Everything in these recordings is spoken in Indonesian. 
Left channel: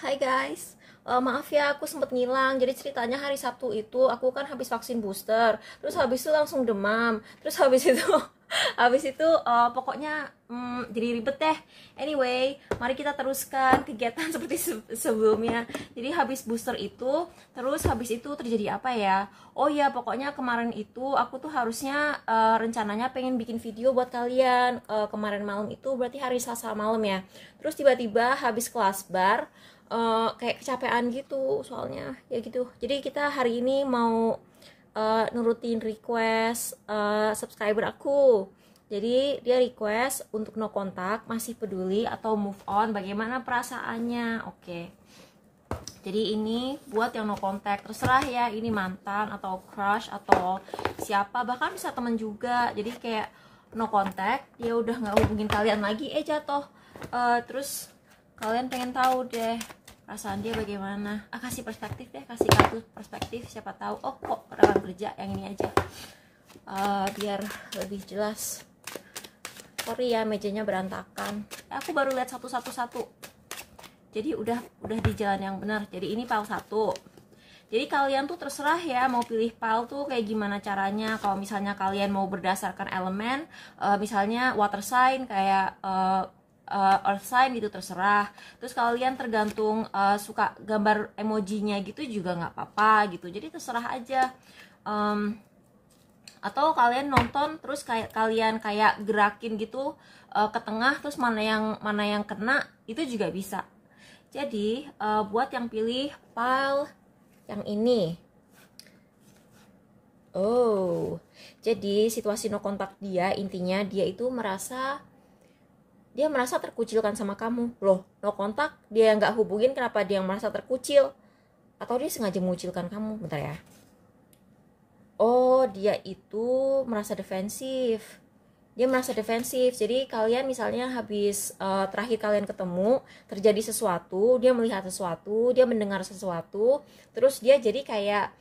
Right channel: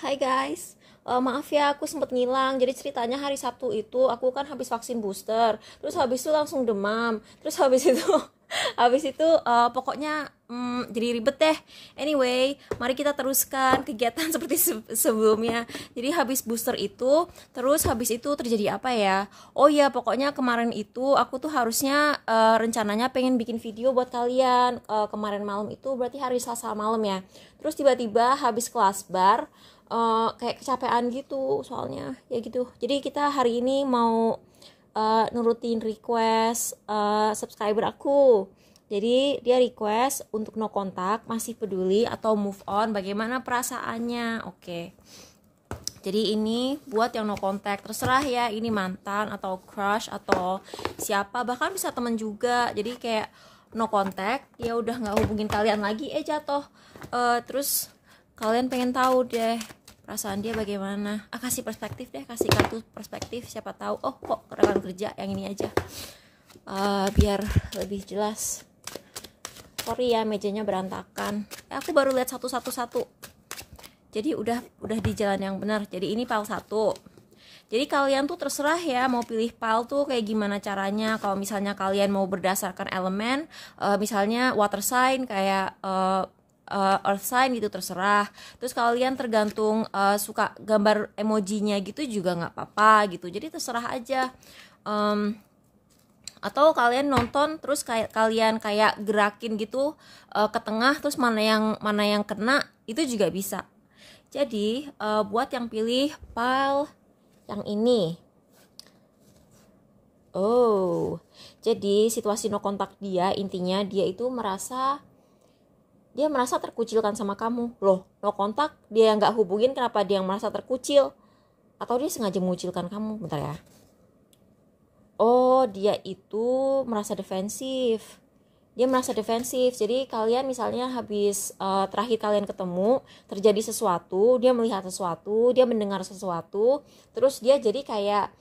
Hai guys, maaf ya aku sempet ngilang. Jadi ceritanya hari Sabtu itu aku kan habis vaksin booster, terus habis itu langsung demam, terus habis itu habis itu pokoknya jadi ribet deh. Anyway, mari kita teruskan kegiatan seperti sebelumnya. Jadi habis booster itu, terus habis itu terjadi apa ya? Oh ya, pokoknya kemarin itu aku tuh harusnya rencananya pengen bikin video buat kalian. Kemarin malam itu berarti hari Selasa malam ya. Terus tiba-tiba habis kelas bar kayak kecapean gitu soalnya ya gitu. Jadi kita hari ini mau nurutin request subscriber aku. Jadi dia request untuk no kontak, masih peduli atau move on, bagaimana perasaannya. Oke. Jadi ini buat yang no kontak, terserah ya, ini mantan atau crush atau siapa, bahkan bisa temen juga. Jadi kayak no kontak, dia udah nggak hubungin kalian lagi, jatuh. Terus kalian pengen tahu deh perasaan dia bagaimana. Kasih perspektif deh, kasih kartu perspektif, siapa tahu oh kok rekan kerja yang ini aja. Biar lebih jelas. Sorry ya mejanya berantakan. Aku baru lihat satu. Jadi udah di jalan yang benar. Jadi ini file 1. Jadi kalian tuh terserah ya mau pilih file tuh kayak gimana caranya. Kalau misalnya kalian mau berdasarkan elemen, misalnya water sign kayak earth sign gitu, terserah. Terus kalian tergantung suka gambar emojinya gitu juga nggak apa-apa gitu. Jadi terserah aja. Atau kalian nonton terus kayak kalian kayak gerakin gitu ke tengah, terus mana yang kena itu juga bisa. Jadi buat yang pilih file yang ini, jadi situasi no kontak dia, intinya dia itu merasa terkucilkan sama kamu. Loh, no kontak dia nggak hubungin, kenapa dia yang merasa terkucil? Atau dia sengaja mengucilkan kamu? Bentar ya. Oh, dia itu merasa defensif. Jadi kalian misalnya habis terakhir kalian ketemu, terjadi sesuatu, dia melihat sesuatu, dia mendengar sesuatu, terus dia jadi kayak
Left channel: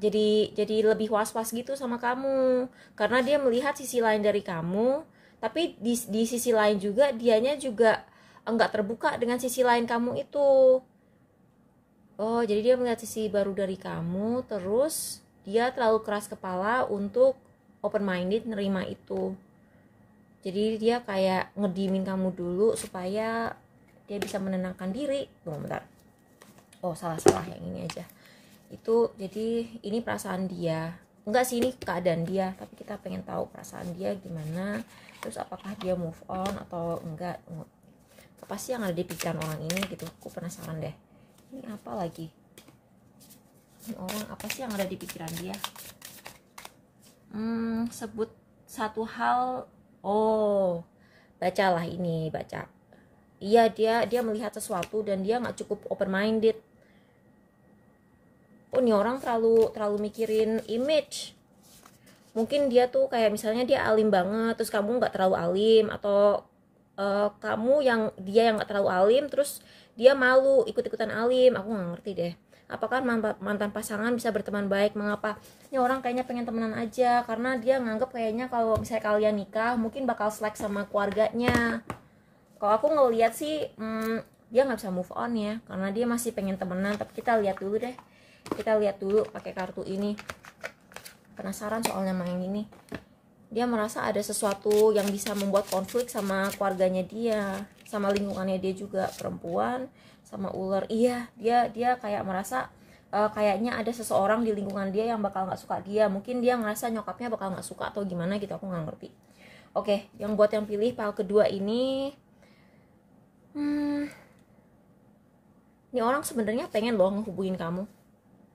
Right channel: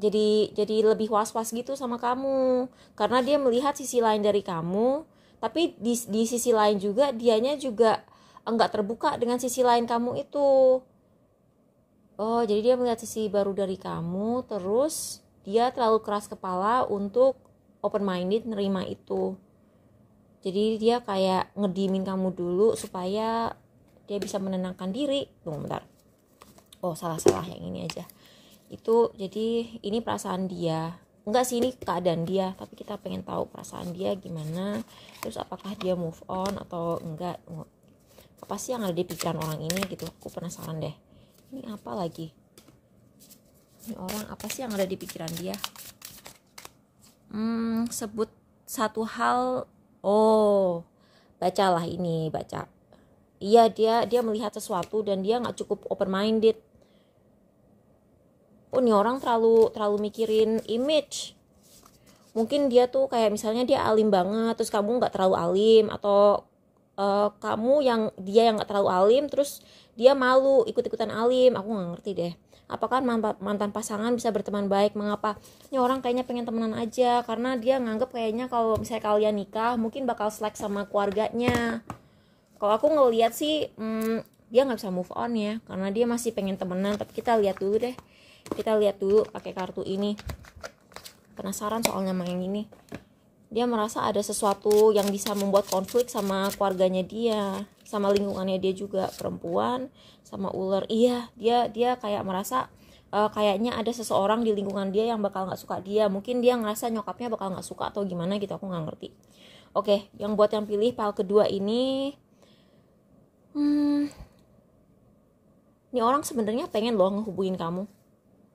jadi lebih was-was gitu sama kamu, karena dia melihat sisi lain dari kamu. Tapi di sisi lain juga dianya juga enggak terbuka dengan sisi lain kamu itu. Oh, jadi dia melihat sisi baru dari kamu, terus dia terlalu keras kepala untuk open minded nerima itu. Jadi dia kayak ngedimin kamu dulu supaya dia bisa menenangkan diri. Tunggu bentar. Oh, salah yang ini aja. Itu jadi ini perasaan dia. Enggak sih, ini keadaan dia, tapi kita pengen tahu perasaan dia gimana. Terus apakah dia move on atau enggak. Apa sih yang ada di pikiran orang ini gitu. Aku penasaran deh. Ini apa lagi? Ini orang apa sih yang ada di pikiran dia? Sebut satu hal. Oh, bacalah ini, baca. Iya, dia melihat sesuatu dan dia nggak cukup open minded. Oh, ini orang terlalu mikirin image. Mungkin dia tuh kayak misalnya dia alim banget, terus kamu nggak terlalu alim, atau kamu dia yang nggak terlalu alim, terus dia malu ikut-ikutan alim. Aku nggak ngerti deh. Apakah mantan pasangan bisa berteman baik? Mengapa? Ini orang kayaknya pengen temenan aja, karena dia nganggep kayaknya kalau misalnya kalian nikah mungkin bakal slack sama keluarganya. Kalau aku ngeliat sih dia nggak bisa move on ya, karena dia masih pengen temenan. Tapi kita lihat dulu deh, pakai kartu ini. Penasaran soalnya main ini. Dia merasa ada sesuatu yang bisa membuat konflik sama keluarganya dia, sama lingkungannya dia juga, perempuan sama ular. Iya, dia kayak merasa kayaknya ada seseorang di lingkungan dia yang bakal nggak suka dia. Mungkin dia ngerasa nyokapnya bakal nggak suka atau gimana gitu, aku nggak ngerti. Oke, yang buat yang pilih file kedua ini, ini orang sebenarnya pengen loh ngehubungin kamu.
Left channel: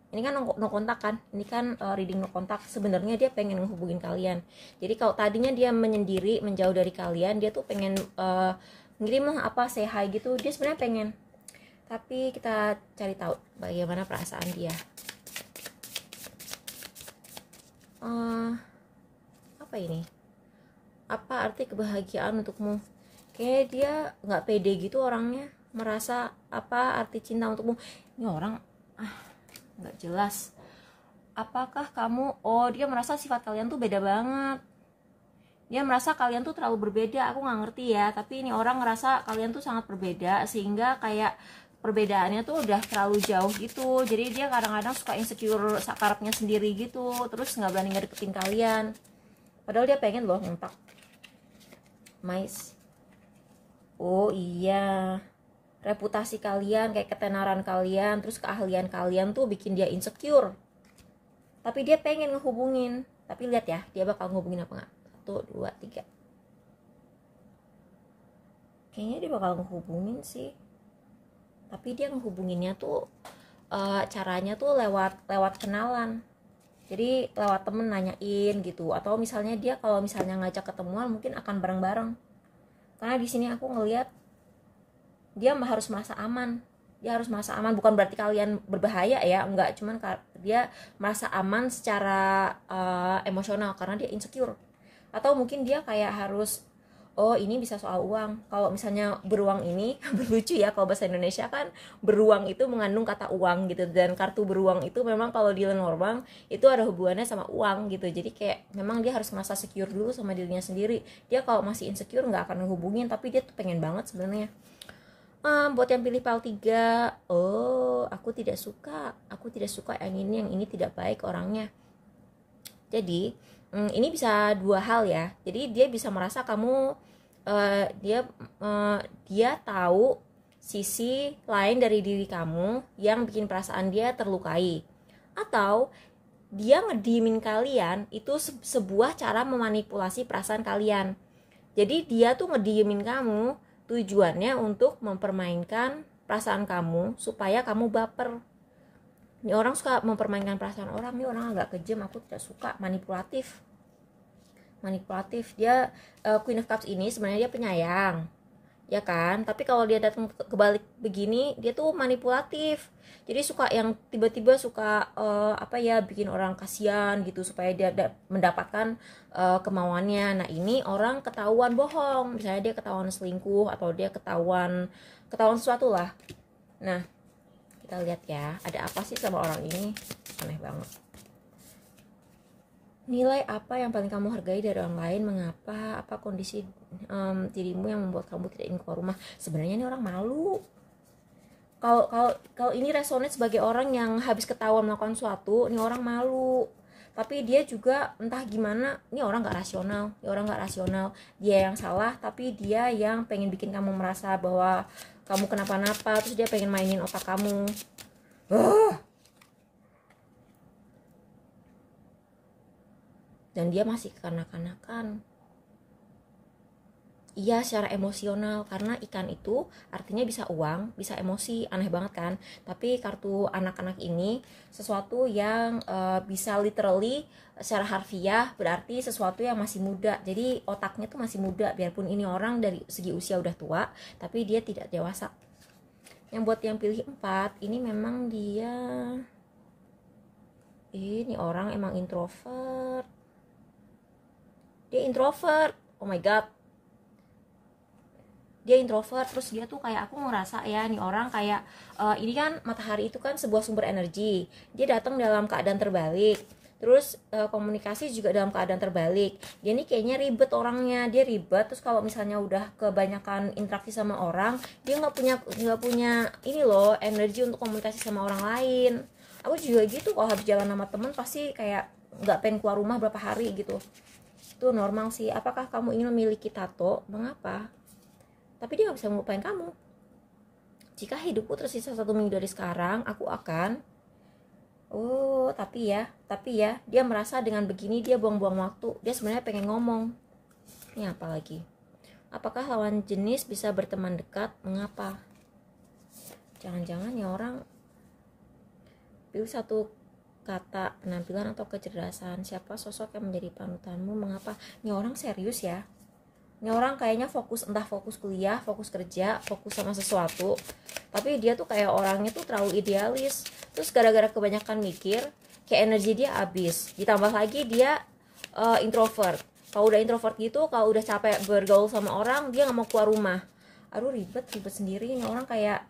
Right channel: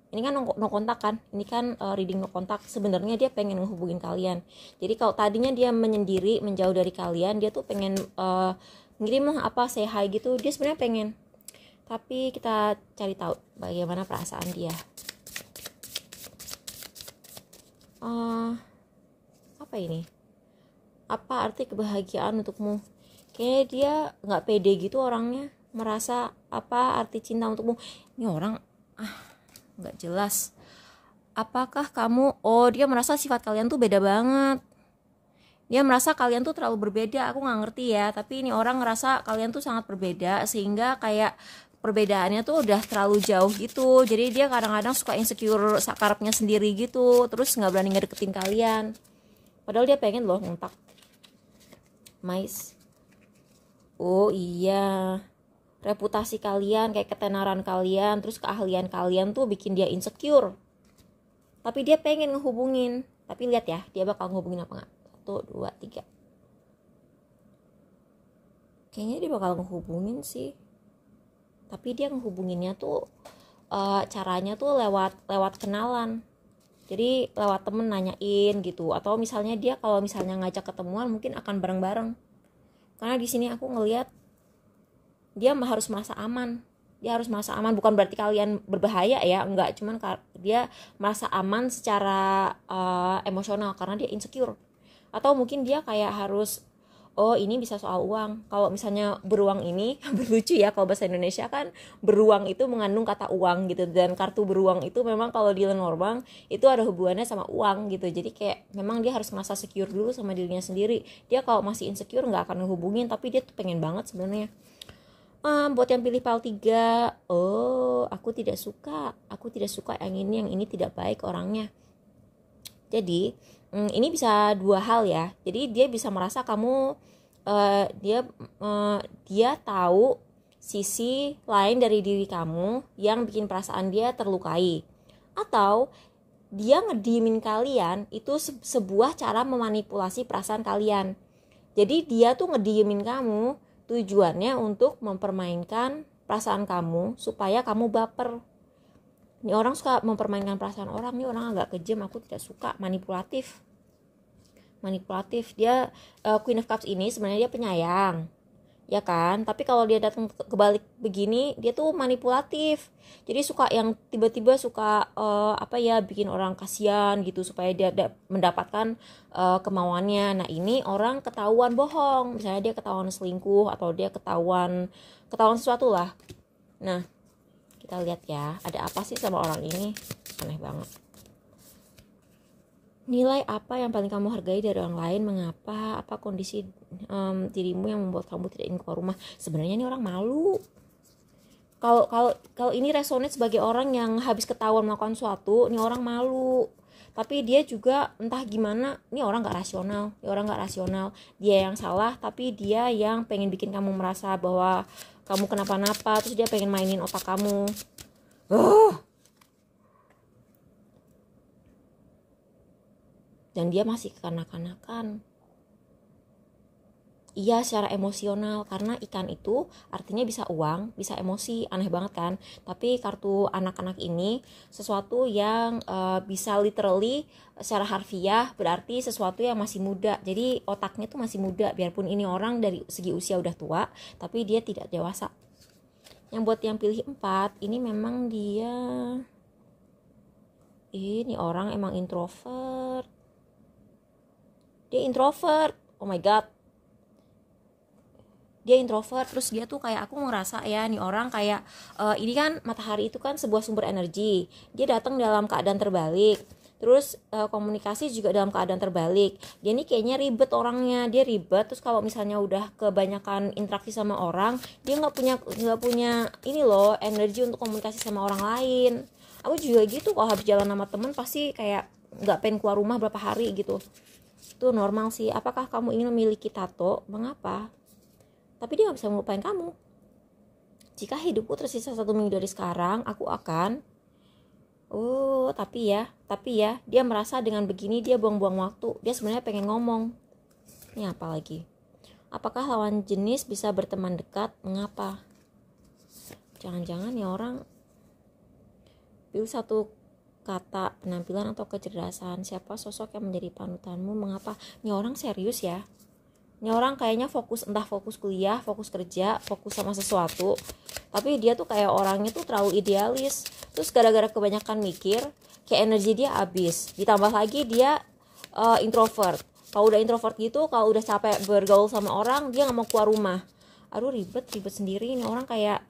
Ini kan no kontak kan, ini kan reading no kontak. Sebenarnya dia pengen ngehubungin kalian. Jadi kalau tadinya dia menyendiri, menjauh dari kalian, dia tuh pengen ngirim apa, say hi gitu, dia sebenarnya pengen. Tapi kita cari tahu bagaimana perasaan dia. Apa ini? Apa arti kebahagiaan untukmu? Kayaknya dia nggak pede gitu orangnya, merasa apa arti cinta untukmu. Ini orang nggak jelas. Apakah kamu, dia merasa sifat kalian tuh beda banget. Dia merasa kalian tuh terlalu berbeda. Aku nggak ngerti ya, tapi ini orang ngerasa kalian tuh sangat berbeda, sehingga kayak perbedaannya tuh udah terlalu jauh gitu. Jadi dia kadang-kadang suka insecure sakarapnya sendiri gitu, terus nggak berani ngedeketin kalian. Padahal dia pengen loh ngontak. Mais. Oh iya, reputasi kalian, kayak ketenaran kalian, terus keahlian kalian tuh bikin dia insecure. Tapi dia pengen ngehubungin. Tapi lihat ya, dia bakal ngehubungin apa nggak? 1, 2, 3. Kayaknya dia bakal ngehubungin sih. Tapi dia ngehubunginnya tuh caranya tuh lewat kenalan. Jadi lewat temen nanyain gitu. Atau misalnya dia kalau misalnya ngajak ketemuan mungkin akan bareng-bareng. Karena di sini aku ngelihat dia harus merasa aman. Dia harus merasa aman, bukan berarti kalian berbahaya ya, enggak, cuman dia merasa aman secara emosional karena dia insecure. Atau mungkin dia kayak harus, oh ini bisa soal uang. Kalau misalnya beruang ini lucu ya, kalau bahasa Indonesia kan beruang itu mengandung kata uang gitu, dan kartu beruang itu memang kalau di Lenormand itu ada hubungannya sama uang gitu. Jadi kayak memang dia harus merasa secure dulu sama dirinya sendiri. Dia kalau masih insecure nggak akan ngehubungin, tapi dia tuh pengen banget sebenarnya. Buat yang pilih PL 3, oh aku tidak suka yang ini tidak baik orangnya. Jadi ini bisa dua hal ya. Jadi dia bisa merasa kamu dia tahu sisi lain dari diri kamu yang bikin perasaan dia terlukai, atau dia ngediemin kalian itu sebuah cara memanipulasi perasaan kalian. Jadi dia tuh ngediemin kamu tujuannya untuk mempermainkan perasaan kamu supaya kamu baper. Ini orang suka mempermainkan perasaan orang, nih orang agak kejam, aku tidak suka, manipulatif. Dia Queen of Cups ini sebenarnya dia penyayang, ya kan? Tapi kalau dia datang kebalik begini, dia tuh manipulatif. Jadi suka yang tiba-tiba suka bikin orang kasihan gitu supaya dia mendapatkan kemauannya. Nah ini orang ketahuan bohong, misalnya dia ketahuan selingkuh atau dia ketahuan sesuatu lah. Nah kita lihat ya, ada apa sih sama orang ini, aneh banget. Nilai apa yang paling kamu hargai dari orang lain? Mengapa? Apa kondisi dirimu yang membuat kamu tidak ingin keluar rumah? Sebenarnya ini orang malu. Kalau ini resonate sebagai orang yang habis ketahuan melakukan sesuatu, ini orang malu. Tapi dia juga entah gimana, ini orang nggak rasional. Dia yang salah, tapi dia yang pengen bikin kamu merasa bahwa kamu kenapa-napa, terus dia pengen mainin otak kamu. Dan dia masih kekanak-kanakan. Iya, secara emosional, karena ikan itu artinya bisa uang, bisa emosi, aneh banget kan. Tapi kartu anak-anak ini sesuatu yang bisa literally secara harfiah berarti sesuatu yang masih muda. Jadi otaknya tuh masih muda, biarpun ini orang dari segi usia udah tua, tapi dia tidak dewasa. Yang buat yang pilih 4, ini memang ini orang emang introvert. Dia introvert, oh my god, dia introvert. Terus dia tuh kayak, aku ngerasa ya, nih orang kayak ini kan matahari itu kan sebuah sumber energi, dia datang dalam keadaan terbalik, terus komunikasi juga dalam keadaan terbalik. Dia nih kayaknya ribet orangnya, dia ribet. Terus kalau misalnya udah kebanyakan interaksi sama orang, dia nggak punya ini loh, energi untuk komunikasi sama orang lain. Aku juga gitu, kalau habis jalan sama temen pasti kayak nggak pengen keluar rumah berapa hari gitu. Itu normal sih. Apakah kamu ingin memiliki tato? Mengapa? Tapi dia gak bisa melupain kamu. Jika hidupku tersisa 1 minggu dari sekarang, aku akan tapi ya dia merasa dengan begini dia buang-buang waktu. Dia sebenarnya pengen ngomong. Ini apa lagi? Apakah lawan jenis bisa berteman dekat? Mengapa? Jangan-jangan ya orang pilih satu kata, penampilan atau kecerdasan. Siapa sosok yang menjadi panutanmu? Mengapa? Ini orang serius ya. Ini orang kayaknya fokus kuliah, fokus kerja, fokus sama sesuatu. Tapi dia tuh kayak orangnya tuh terlalu idealis. Terus gara-gara kebanyakan mikir, kayak energi dia habis. Ditambah lagi dia introvert. Kalau udah introvert gitu, kalau udah capek bergaul sama orang, dia nggak mau keluar rumah. Aduh ribet sendiri. Ini orang kayak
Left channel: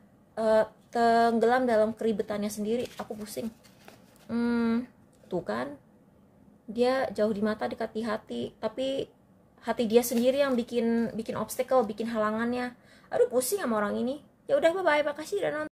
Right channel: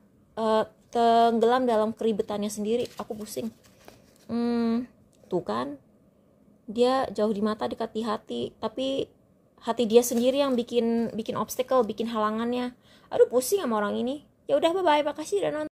tenggelam dalam keribetannya sendiri. Aku pusing. Tuh kan, dia jauh di mata dekat di hati, tapi hati dia sendiri yang bikin obstacle, bikin halangannya. Aduh pusing sama orang ini. Ya udah, bye bye, makasih udah nonton.